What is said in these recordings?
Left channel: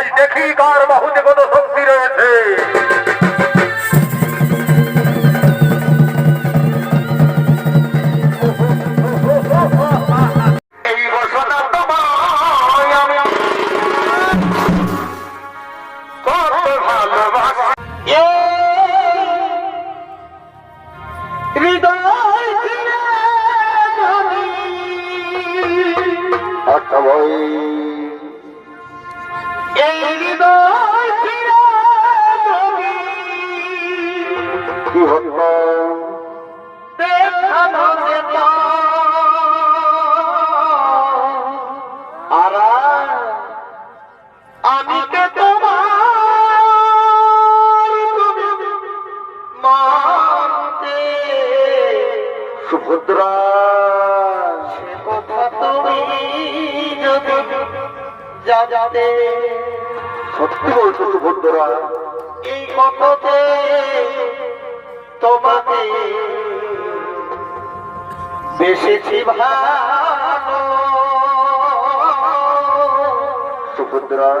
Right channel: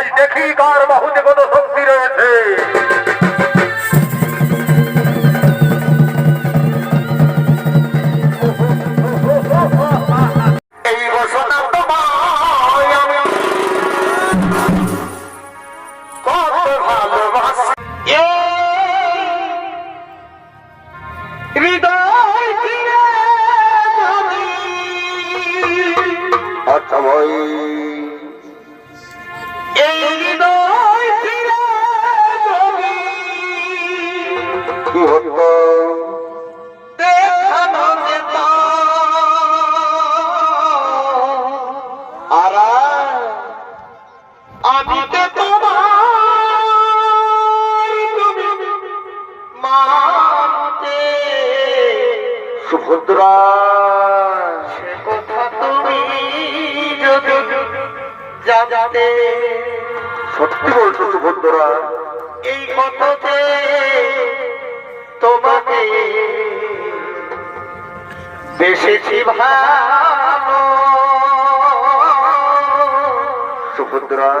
আজ দেখি কার বাহুতে কত শক্তি রয়েছে। এই বসনা তোমায় আমি কত ভালোবাসি, হৃদয় দিয়ে যদি। আচ্ছা ভাই, এই হৃদয় দিয়ে যদি কি হতো দেখানো যেত, আর আমি কে মাকে সুভদ্রা, সে কথা তুমি যদি জানতে। সত্যি বলছো সুভদ্রা, এই কথাতে তোমাকে বেশি ভালো। সুভদ্রা,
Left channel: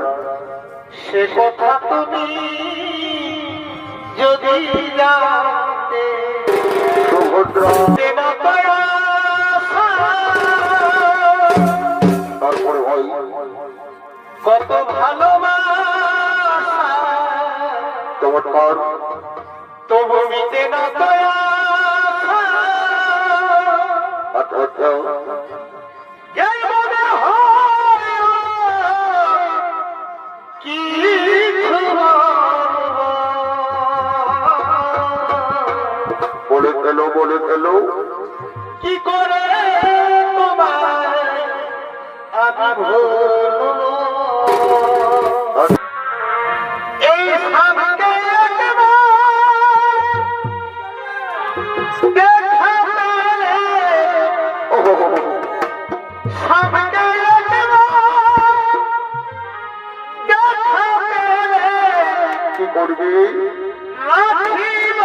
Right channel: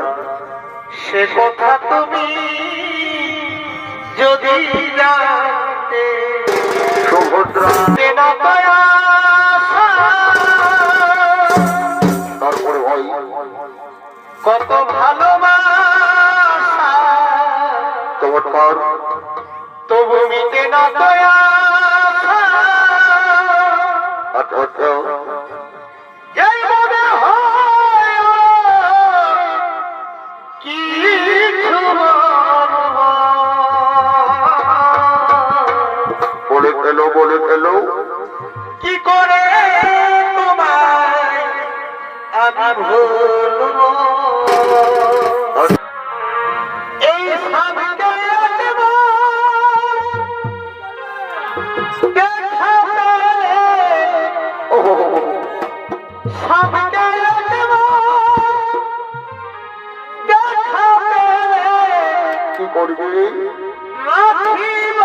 সে কথা তুমি যদি জানতে। সুভদ্রা, তারপরে হয় কত ভালোবাসা চমৎকার, তবু মিটে না দয়া। আচ্ছা আচ্ছা, এই মনে হয় কিছু বলে ফেলো, বলে ফেলো। কি করে তোমায় আমি ভুলবো, এই স্বামীকে স্বামীকে কি করবি, রাখিব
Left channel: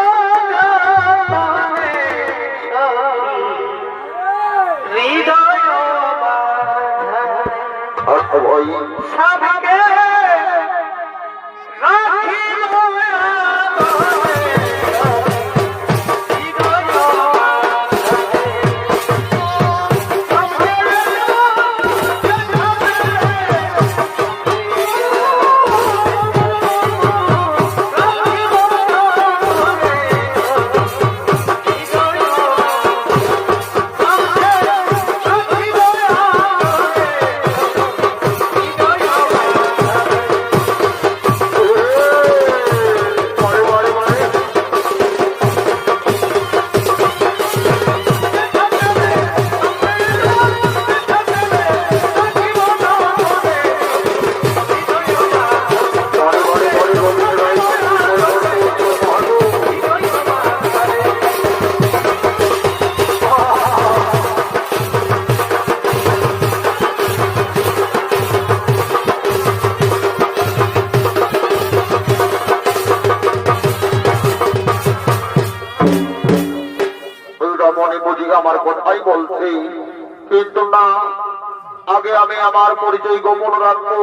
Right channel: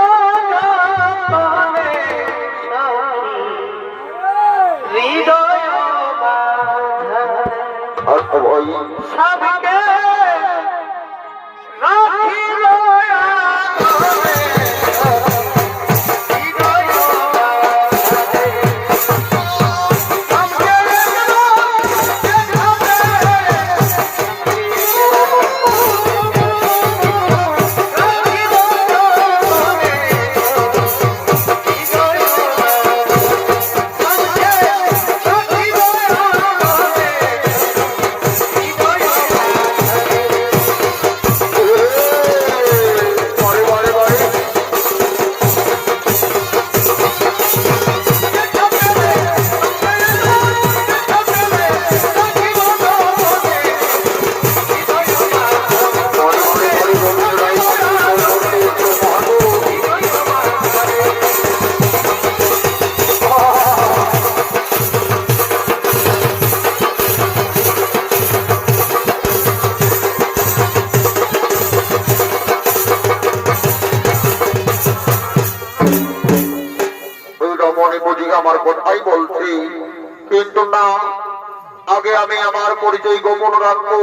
হৃদয় স্বামীকে রাখিব। আমার কথাই বলছি, কিন্তু না, আগে আমি আমার পরিচয় গোপন রাখবো।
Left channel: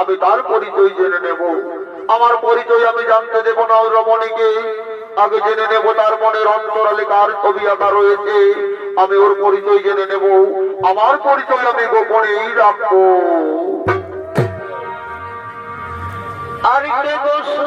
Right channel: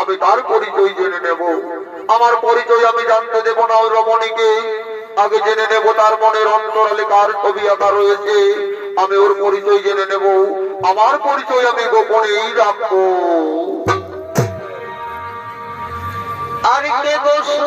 আমি তার পরিচয় জেনে নেব। আমার পরিচয় আমি জানতে দেব না ওই রমণীকে। আগে জেনে নেব তার মনের অন্তরালে কার ছবি আঁকা রয়েছে। আমি ওর পরিচয় জেনে নেব। আমার পরিচয় আমি গোপনেই রাখবো। আর আরেকটে গোসু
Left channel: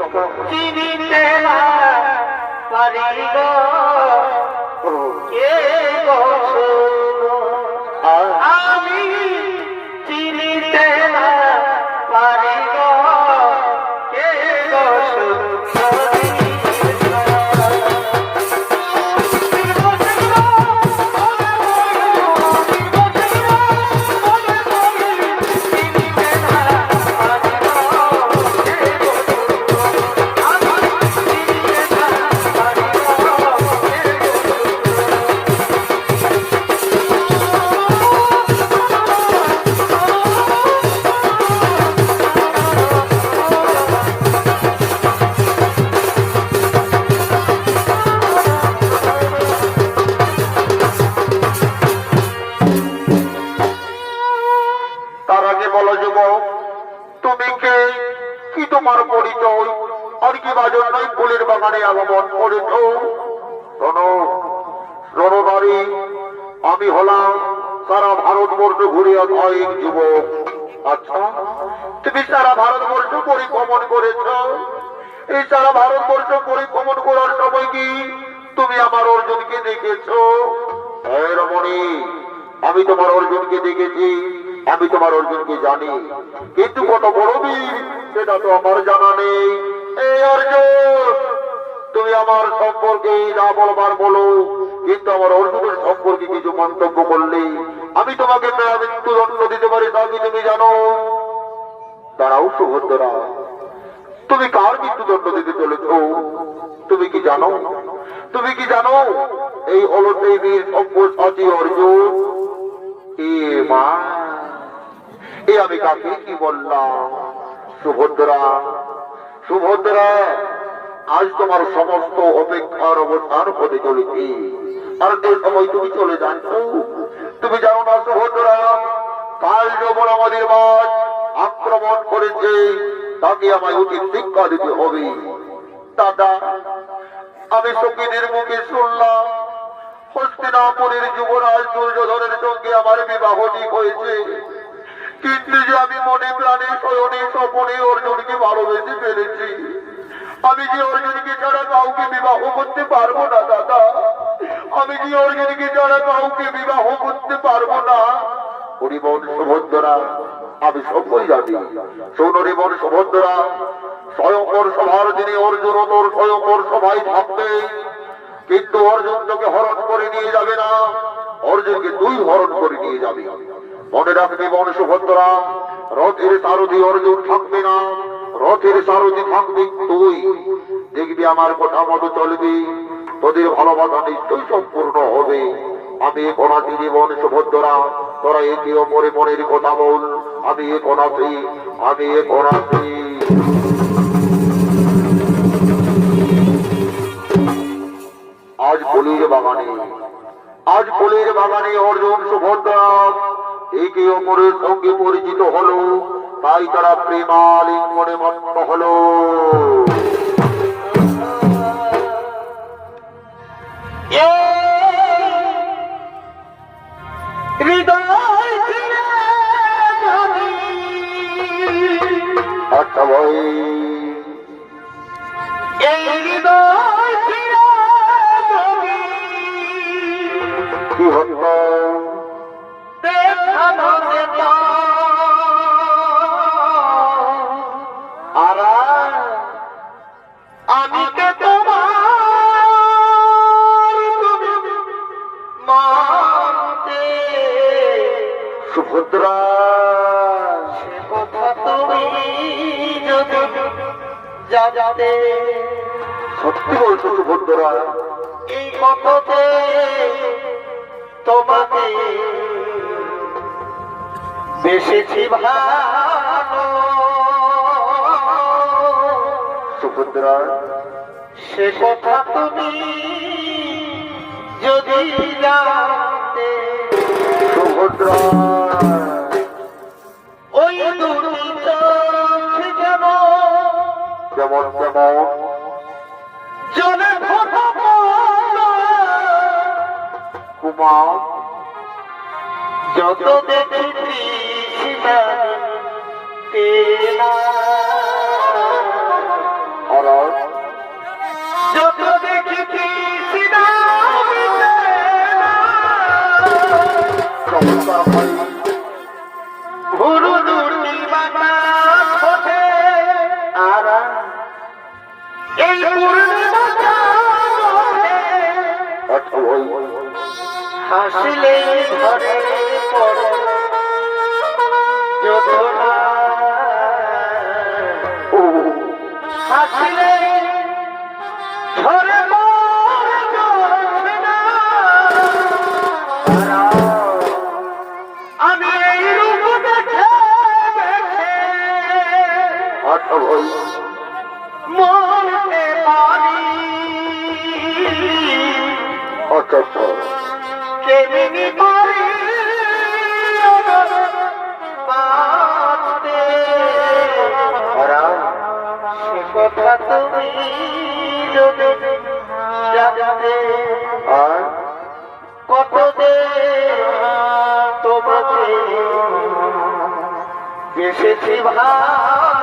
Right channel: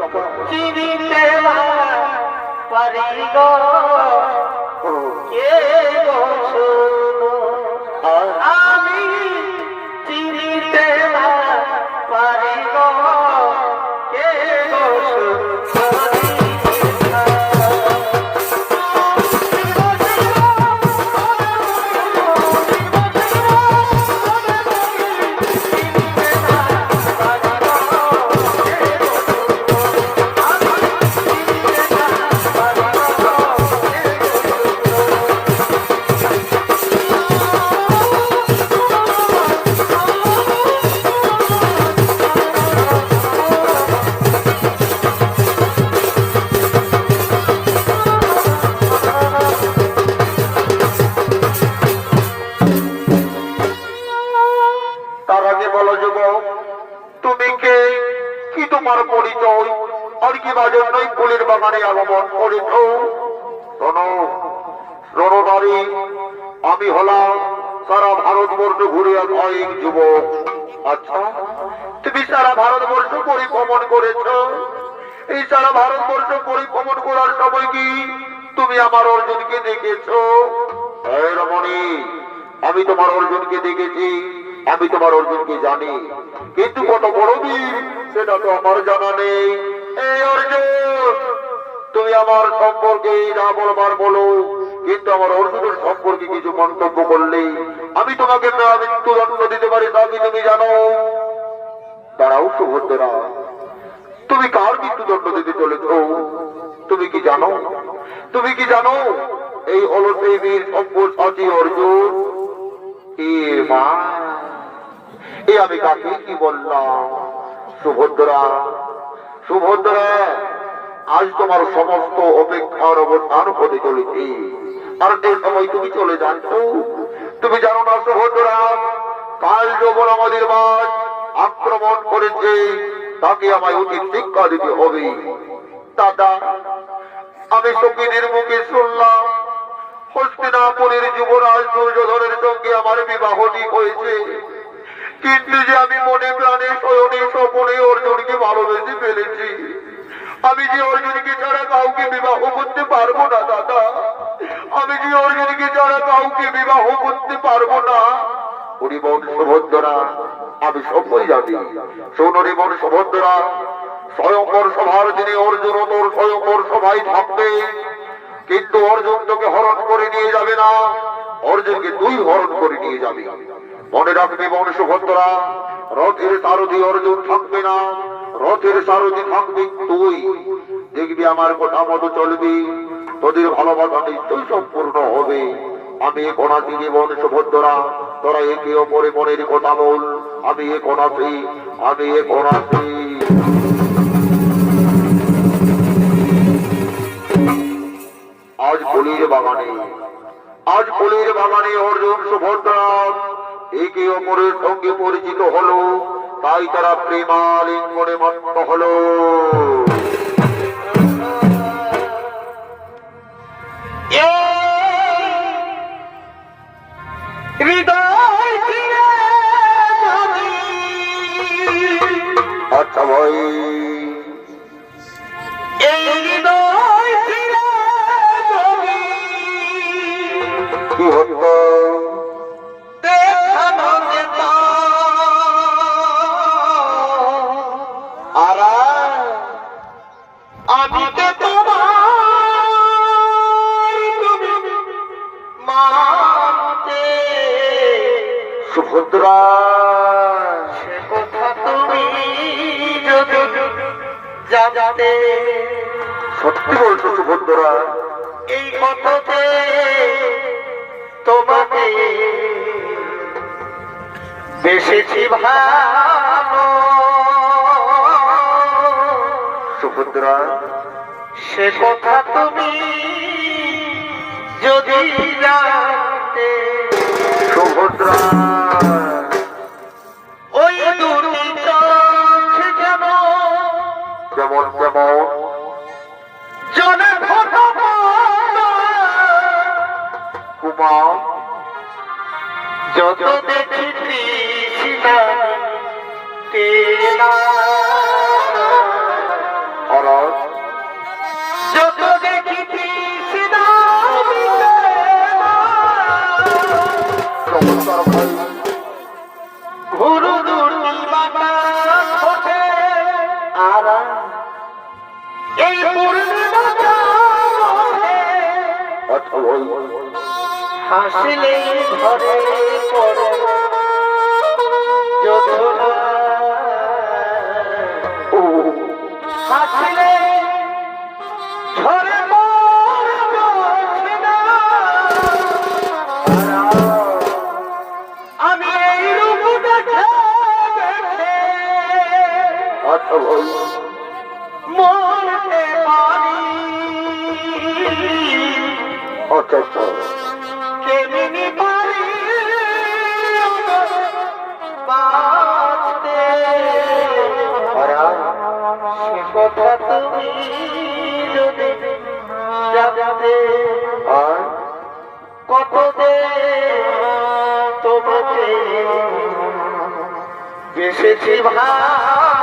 চমৎকার। চিনিতে না পারি গো কে গো সুন্দর, আমি চিনিতে না পারি গো কে গো সুন্দর। তার আগে বলো যুবক, তুমি কে, কি তোমার পরিচয়, আর কি বা জন্যই ফুলের বাগানে আগমন করেছ? শোনো রণনারী, আমি হলাম সারা ভারতবর্ষ ঘুরে এক যুবক। আচ্ছা, তুমি সারা ভারতবর্ষ পরিভ্রমণ করেছ। এই সারা ভারতবর্ষ পরিভ্রমণ করার সময় কি তুমি আমার অর্জুনকে দেখেছ? এই রমণী, আমি তোমার অর্জুনকে দেখেছি, আমি তোমার অর্জুনকে জানি, কিন্তু কত বড় বীর সেটা তো আমার জানা নেই। এই অর্জুন, তুমি আমার সম্পর্কে যা বলবার বলো, কিন্তু আমার অর্জুনের সম্পর্কে কিছু মন্তব্য করলে আমি তোমাকে মৃত্যুদণ্ড দিতে পারি, তা কি তুমি জানো? দাঁড়াও সুভদ্রা, তুমি কার মৃত্যুদণ্ড দিতে চলেছ? তুমি কি জানো? তুমি কি জানো এই হলো সেই বীর সব্যসাচী অর্জুন? এ মা, এ আমি কাকে কি বললাম? সুভদ্রা, সুভদ্রা, আজ তোমার সমস্ত অপেক্ষার অবসান হতে চলেছে, আর যে সময় তুমি চলে যাচ্ছ, তুমি জানো না সুভদ্রা, কাল যখন আমাদের বাদ আক্রমণ করেছে, তাকে আমায় উচিত শিক্ষা দিতে হবে। দাদা, আমি সখীদের মুখে শুনলাম হস্তিনাপুরের যুবরাজ দুর্যোধনের সঙ্গে আমার বিবাহ ঠিক হয়েছে, কিন্তু যে আমি মনে প্রাণে শয়নে স্বপনে অর্জুনকে ভালোবেসে ফেলেছি, আমি যে অর্জুনকে ছাড়া কাউকে বিবাহ করতে পারবো না। দাদা, আমি যে অর্জুনকে ছাড়া কাউকে বিবাহ করতে পারবো না। হরিবন সুভদ্রা, আমি সবই জানি। শোন হরিবন সুভদ্রা, স্বয়ংবর সভার দিনে অর্জুন তোর স্বয়ংবর সভায় থাকবে, কিন্তু অর্জুন তোকে হরণ করে নিয়ে যাবে না, অর্জুনকে তুই হরণ করে নিয়ে যাবি। মনে রাখবি বন সুভদ্রা, রথের সারথি অর্জুন থাকবে না, রথের সারথি থাকবি তুই। দেখবি আমার কথা মতো চলবি, তোদের ভালোবাসা নিশ্চয়ই সম্পূর্ণ হবে। আমি এখন আছি জীবন সুভদ্রা, তোরা একে অপরে মনের কথা বল। আমি এখন আছি, আমি এখন আছি। আজ ফুলের বাগানে, আজ ফুলের বাগানে অর্জুন সুভদ্রা একে অপরের সঙ্গে পরিচিত হলো, তাই তারা প্রেমালিঙ্গনে মত্ত হলো। আচ্ছা ভাই, এই হৃদয় কি হতো দেখানো যেত আর আমি কে তোমার মানতে? সুভদ্রা, সে কথা তুমি যদি জানতে, সত্যি বলছো সুভদ্রা? এই কথাতে তোমাকে বেশি ভালো। সুভদ্রা, সে কথা তুমি যদি জানতে, সুভদ্রা, ওই দুটি চোখ যেমন যেমন যেমন জলে ফোটা কুমা, যত দেখেছি পূর্ণিমাটা ঘটে আর এই পূর্ণিমাটা ঘটে আচ্ছা ভাই হাসিলে ঘরে পড়ে যোধনা ও হাসিলে ঝরে পড়ে যোধনা। আমি এই রূপ দেখে দেখে আচ্ছা ভাই মরতে পারি আচ্ছা আচ্ছা কেমনি পারি বাঁচতে। সে কথা তুমি যদি জানতে আর কত দে তোমাকে বেসেছি ভাই